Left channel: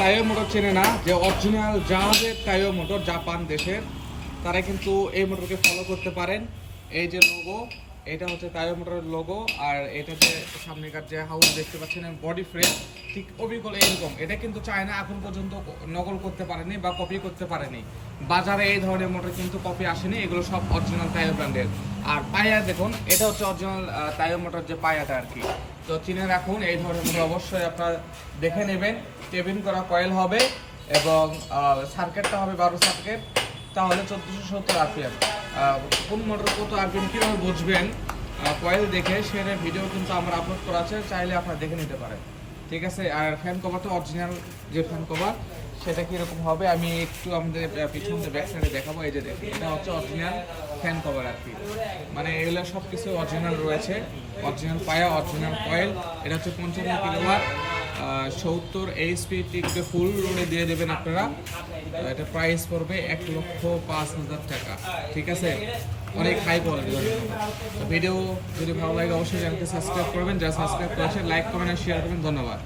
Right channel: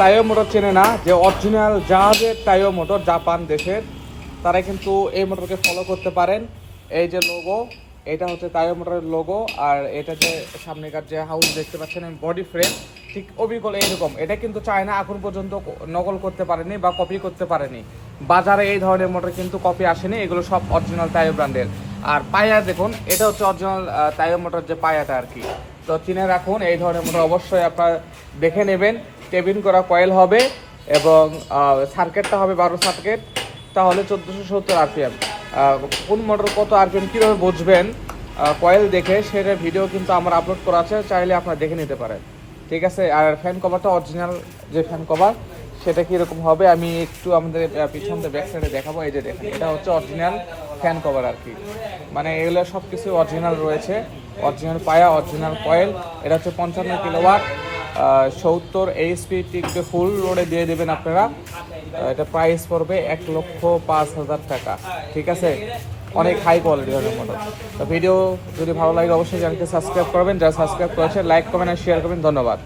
টাইও motor চেনে না, যে অরিজিনাল জাহাজের টাইও মোটর জাপান দেশের, তারা কিন্তু এই মোটরকে ফলো করতে পারেন। এই যে লোগো, এটা হচ্ছে টাইও মোটরের লোগো। আর এটা যে সামনেকার যে হাউস দেখতে পাচ্ছেন বডি ফ্রেম, ঠিক অবিকল এইরকম। এটা কিন্তু চায়না এখন পর্যন্ত নকল করতে পারেনি বা কপি করতে পারেনি। বাজারে এই ধরনের মোটর কিন্তু কপি আসেনি, এগুলো সব অরিজিনাল টাইও ব্র্যান্ডের। আর পায়া দেখুন, এটা হচ্ছে অরিজিনাল টাইও মোটর যে পায়াটা আর কি। তো চিনে রাখুন, এই ধরনের মোটর অবশ্যই আপনার দেখে নেবেন। কেবিন করা কয়েল হবে এবং সার্কিটটা হবে 12 সার্কিট, তাহলে 1470 আরপিএম। কোন মোটর কত আরপিএম কীভাবে বুঝবেন কয়েল দেখে, সেটার ভিডিও কিন্তু আমার আপলোড করা আছে, চাইলে আপনারা দেখে নিতে পারেন। ঠিক আছে। আর ফ্যান কভারটা অরিজিনাল যে ফ্যান কভার, সেটা কীরকম হবে আমি একটু আমাদের পিছনে ব্যাক সাইডে দেখাবো। এই যে দেখুন, এটা হচ্ছে অরিজিনাল ফ্যান কভার আর কি। মানে এগুলো সব কিছু অরিজিনাল রয়েছে, অরিজিনাল পায়া, অরিজিনাল কয়েল। এটা হচ্ছে 55 কিলোওয়াট, 70 এইচপি টিকতে ফুল লোডে দিয়ে দেবেন আপনারা। এটা প্রাইস পড়বে 1,05,000 টাকা। ঠিক আছে, অনেক হাই কোয়ালিটির মতো। তো ভিডিও যদি ভালো লাগে অবশ্যই চ্যানেলকে সাবস্ক্রাইব করবেন, যারা সাবস্ক্রাইব করেছেন লাইক কমেন্ট আর শেয়ার করবেন। ধন্যবাদ।